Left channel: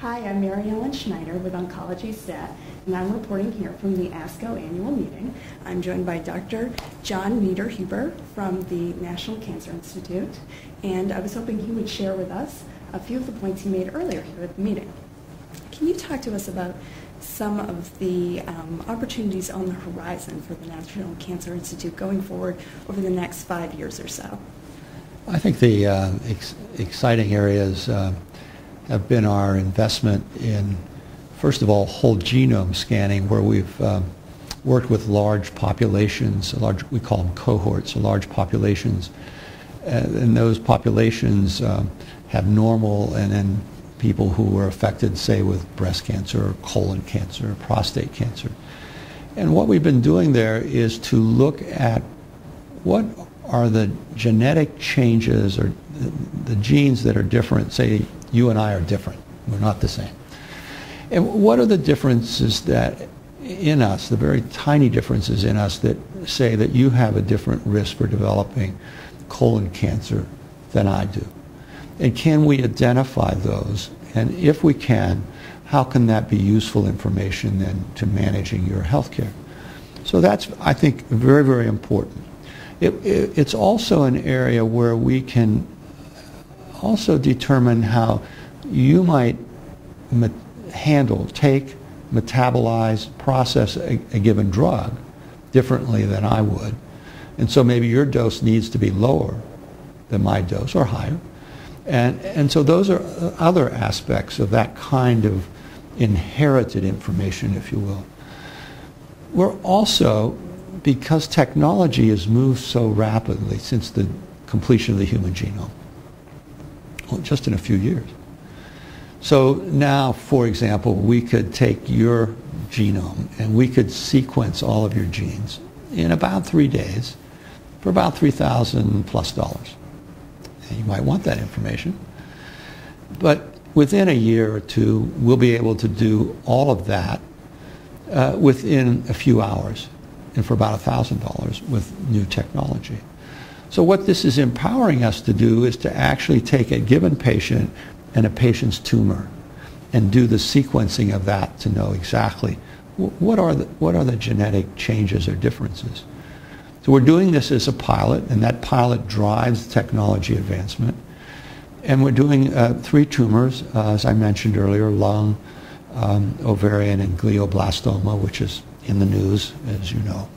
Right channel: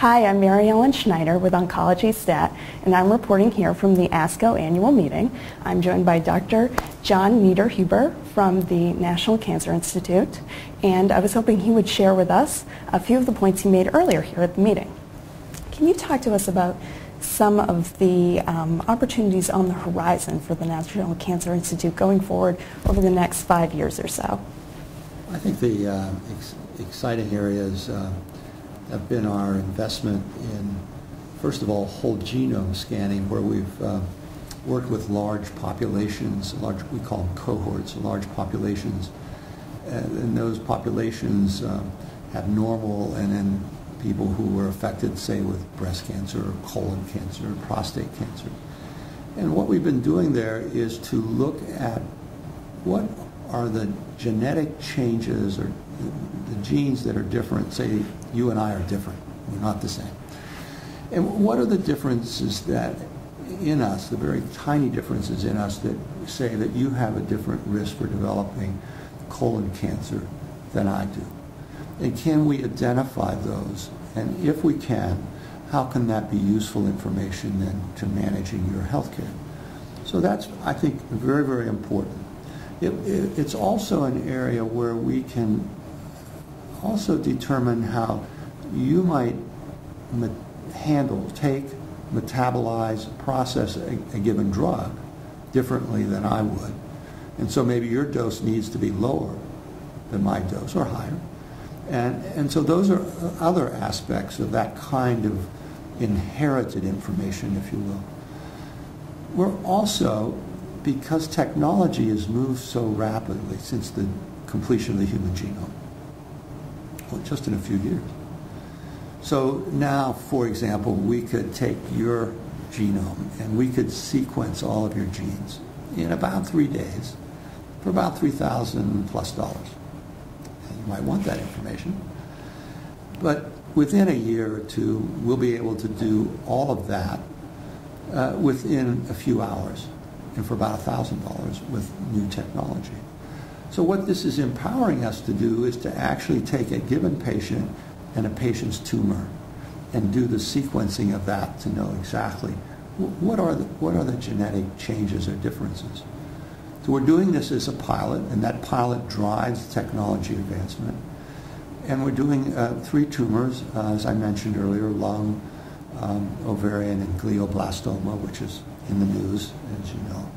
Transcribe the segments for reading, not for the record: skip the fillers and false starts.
Hi, I'm Ellen Schneider with OncologyStat, and I'm reporting here from the ASCO annual meeting. I'm joined by Dr. John Niederhuber from the National Cancer Institute, and I was hoping he would share with us a few of the points he made earlier here at the meeting. Can you talk to us about some of the opportunities on the horizon for the National Cancer Institute going forward over the next 5 years or so? I think the exciting areas have been our investment in, first of all, whole genome scanning, where we've worked with large populations, we call them cohorts, large populations, and those populations have normal and then people who were affected, say, with breast cancer, colon cancer, prostate cancer. And what we've been doing there is to look at what are the genetic changes or the genes that are different. Say you and I are different. We're not the same. And what are the differences that in us, the very tiny differences in us that say that you have a different risk for developing colon cancer than I do? And can we identify those? And if we can, how can that be useful information then to managing your health care? So that's, I think, very, very important. It's also an area where we can also determine how you might take, metabolize, process a given drug differently than I would. And so maybe your dose needs to be lower than my dose or higher. And so those are other aspects of that kind of inherited information, if you will. We're also, because technology has moved so rapidly since the completion of the human genome, well, just in a few years. So now, for example, we could take your genome and we could sequence all of your genes in about 3 days for about $3,000 plus. And you might want that information. But within a year or two, we'll be able to do all of that within a few hours and for about $1,000 with new technology. So what this is empowering us to do is to actually take a given patient and a patient's tumor and do the sequencing of that to know exactly what are the genetic changes or differences. So we're doing this as a pilot, and that pilot drives technology advancement. And we're doing 3 tumors, as I mentioned earlier: lung, ovarian, and glioblastoma, which is in the news, as you know,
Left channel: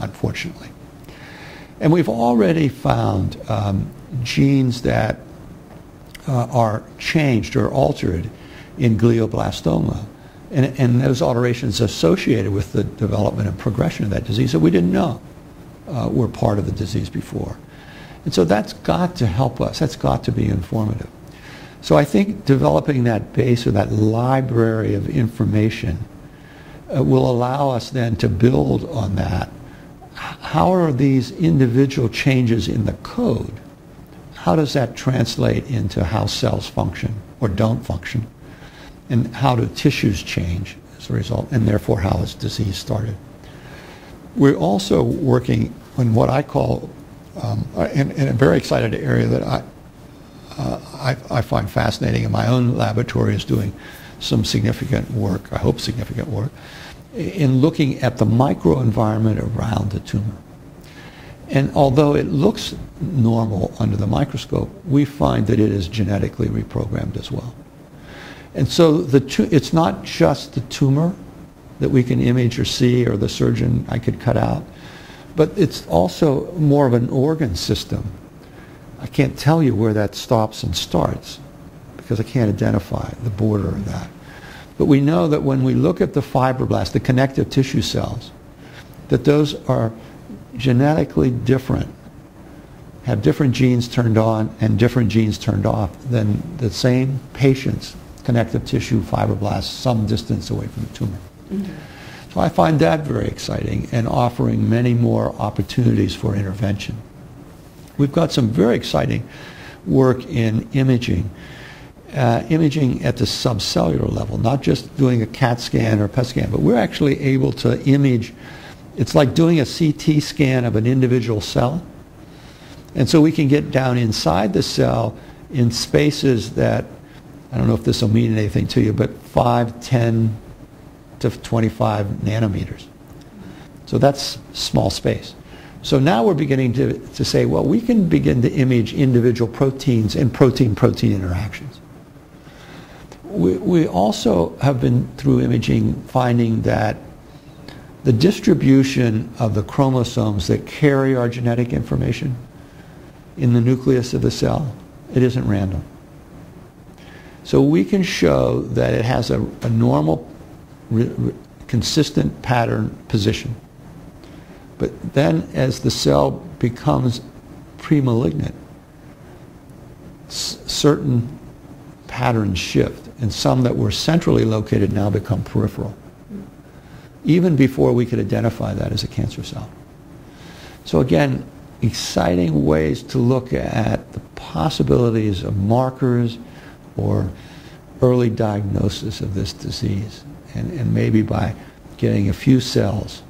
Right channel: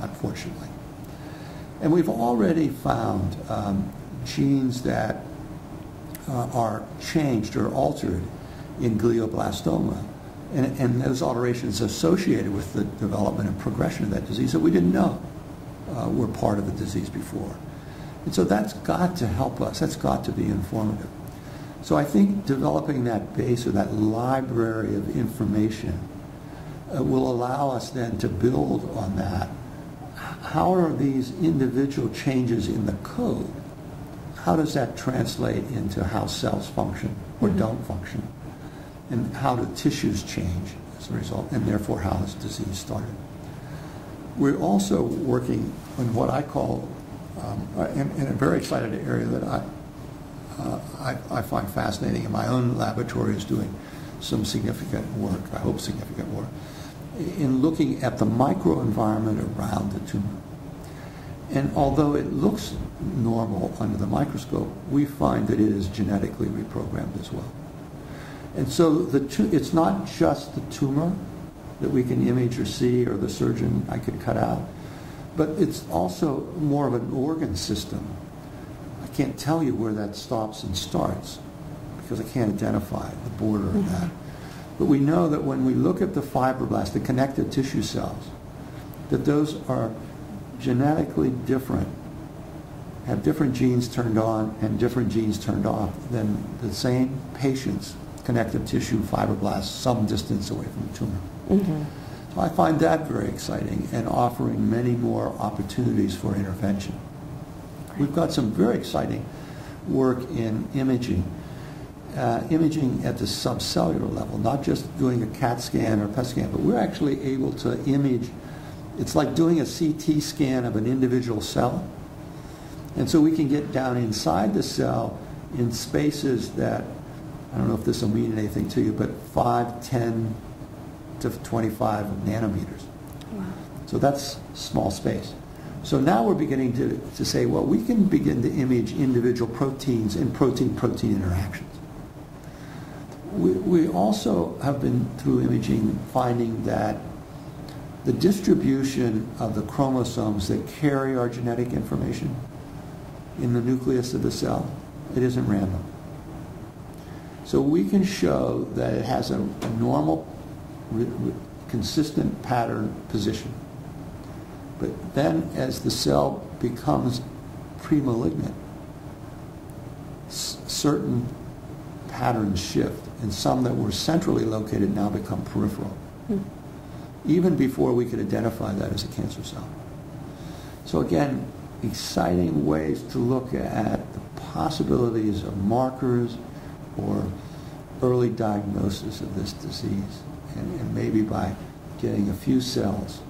unfortunately. And we've already found genes that are changed or altered in glioblastoma, and those alterations associated with the development and progression of that disease that we didn't know were part of the disease before. And so that's got to help us. That's got to be informative. So I think developing that base or that library of information will allow us then to build on that. How are these individual changes in the code? How does that translate into how cells function or don't function? And how do tissues change as a result? And therefore, how is disease started? We're also working on what I call, in a very excited area that I find fascinating, and my own laboratory is doing some significant work, I hope significant work, in looking at the microenvironment around the tumor. And although it looks normal under the microscope, we find that it is genetically reprogrammed as well. And so it's not just the tumor that we can image or see, or the surgeon I could cut out, but it's also more of an organ system. I can't tell you where that stops and starts because I can't identify the border of that. But we know that when we look at the fibroblasts, the connective tissue cells, that those are genetically different, have different genes turned on and different genes turned off than the same patient's connective tissue fibroblasts some distance away from the tumor. Mm-hmm. So I find that very exciting and offering many more opportunities for intervention. We've got some very exciting work in imaging. Imaging at the subcellular level, not just doing a CAT scan or PET scan, but we're actually able to image. It's like doing a CT scan of an individual cell. And so we can get down inside the cell in spaces that I don't know if this will mean anything to you, but 5, 10 to 25 nanometers. So that's small space. So now we're beginning to say, well, we can begin to image individual proteins and protein-protein interactions. We also have been, through imaging, finding that the distribution of the chromosomes that carry our genetic information in the nucleus of the cell, it isn't random. So we can show that it has a normal, consistent pattern position. But then as the cell becomes pre-malignant, certain patterns shift, and some that were centrally located now become peripheral, even before we could identify that as a cancer cell. So again, exciting ways to look at the possibilities of markers or early diagnosis of this disease. And maybe by getting a few cells,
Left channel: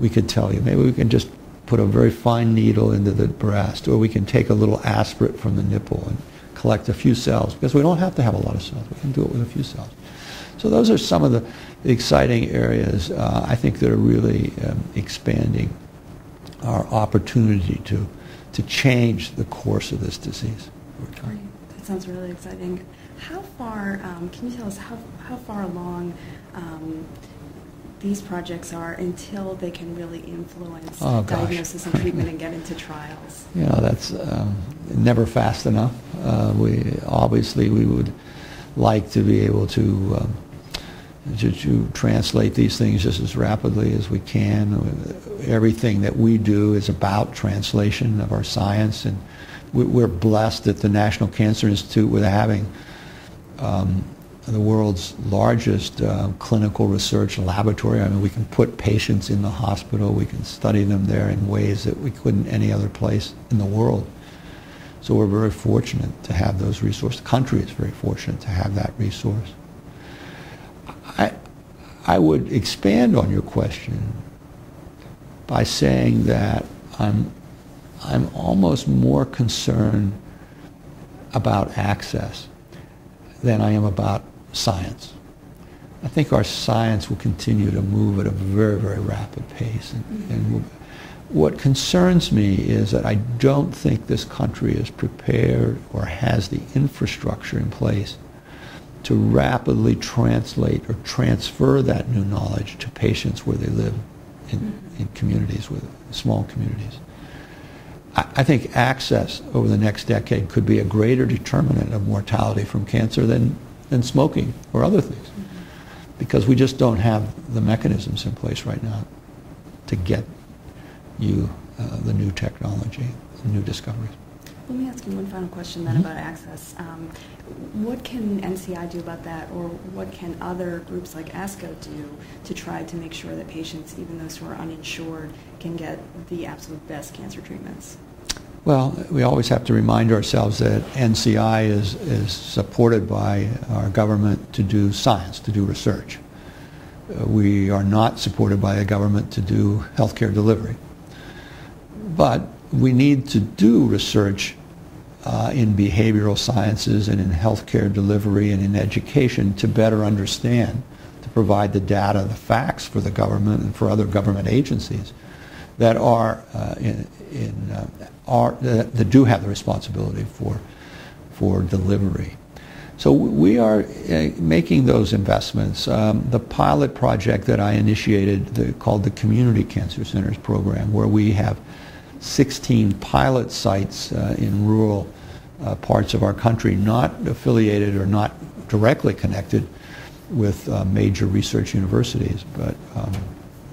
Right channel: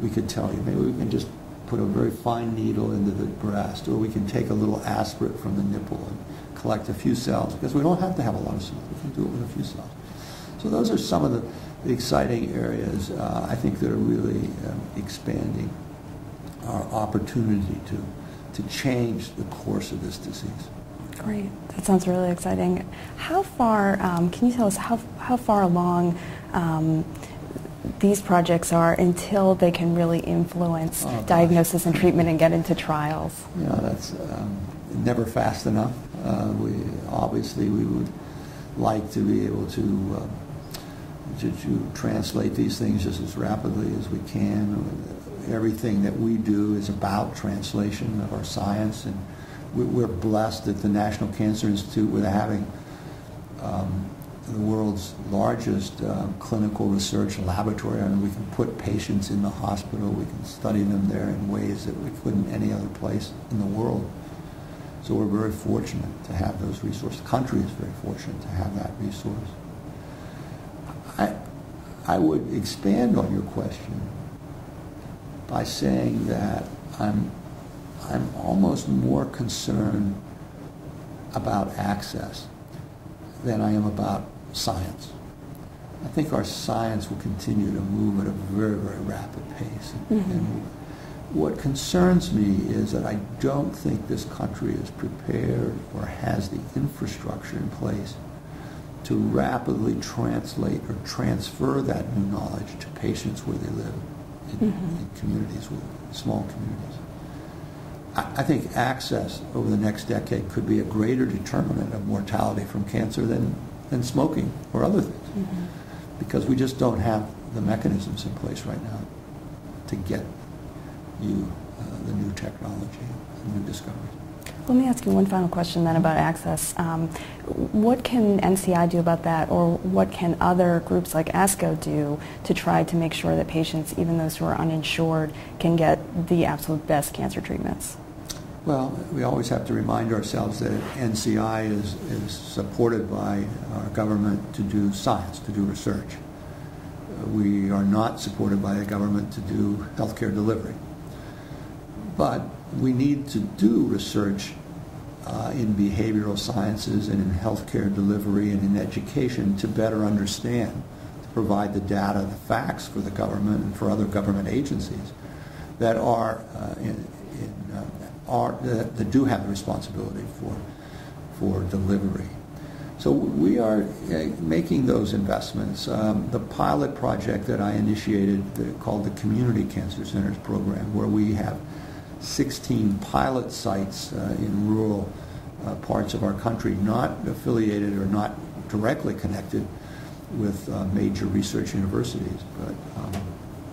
we could tell you. Maybe we can just put a very fine needle into the breast, or we can take a little aspirate from the nipple and collect a few cells, because we don't have to have a lot of cells. We can do it with a few cells. So those are some of the exciting areas, I think, that are really expanding our opportunity to change the course of this disease. Great. That sounds really exciting. How far, can you tell us how far along these projects are until they can really influence diagnosis and treatment and get into trials? You know, that's never fast enough. We would like to be able to translate these things just as rapidly as we can. Everything that we do is about translation of our science, and we're blessed at the National Cancer Institute with having the world's largest clinical research laboratory. I mean, we can put patients in the hospital, we can study them there in ways that we couldn't any other place in the world. So we're very fortunate to have those resources. The country is very fortunate to have that resource. I would expand on your question by saying that I'm almost more concerned about access than I am about science. I think our science will continue to move at a very, very rapid pace. And what concerns me is that I don't think this country is prepared or has the infrastructure in place to rapidly translate or transfer that new knowledge to patients where they live in communities, with small communities. I think access over the next decade could be a greater determinant of mortality from cancer than smoking or other things, because we just don't have the mechanisms in place right now to get you the new technology, the new discoveries. Let me ask you one final question then about access. What can NCI do about that, or what can other groups like ASCO do to try to make sure that patients, even those who are uninsured, can get the absolute best cancer treatments? Well, we always have to remind ourselves that NCI is supported by our government to do science, to do research. We are not supported by the government to do healthcare delivery. But we need to do research in behavioral sciences and in healthcare delivery and in education to better understand, to provide the data, the facts for the government and for other government agencies that are that do have the responsibility for delivery. So we are making those investments. The pilot project that I initiated, called the Community Cancer Centers Program, where we have 16 pilot sites in rural parts of our country, not affiliated or not directly connected with major research universities, but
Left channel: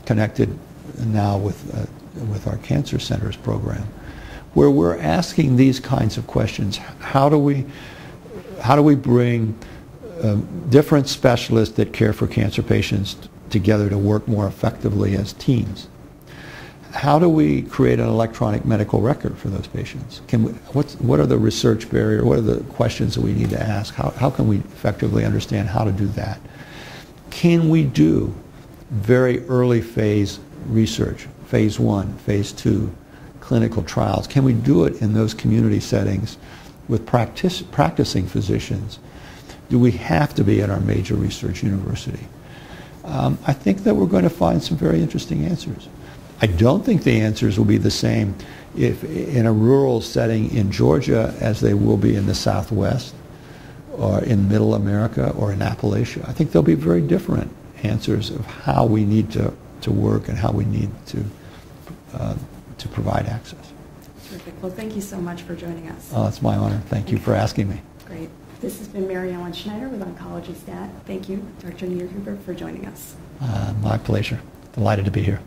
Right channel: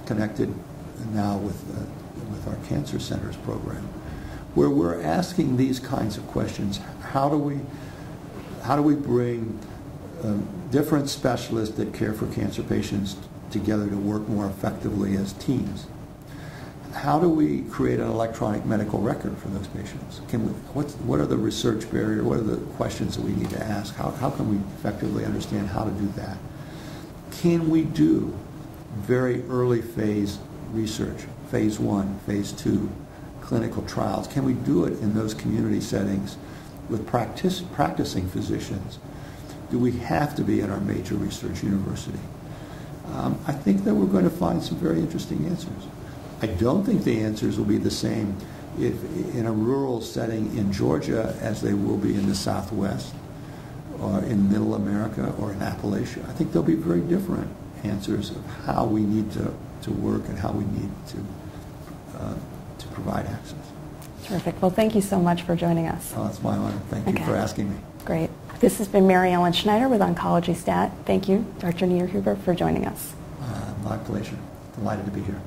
connected now with our Cancer Centers Program, where we're asking these kinds of questions. How do we bring different specialists that care for cancer patients together to work more effectively as teams? How do we create an electronic medical record for those patients? What are the research barriers? What are the questions that we need to ask? How can we effectively understand how to do that? Can we do very early phase research, phase 1, phase 2, clinical trials? Can we do it in those community settings with practicing physicians Do we have to be at our major research university? I think that we're going to find some very interesting answers. I don't think the answers will be the same if in a rural setting in Georgia as they will be in the Southwest or in Middle America or in Appalachia. I think there'll be very different answers of how we need to work and how we need to provide access. Terrific. Well, thank you so much for joining us. Oh, it's my honor. Thank you for asking me. Great. This has been Mary Ellen Schneider with OncologyStat. Thank you, Dr. Niederhuber, for joining us. My pleasure. Delighted to be here.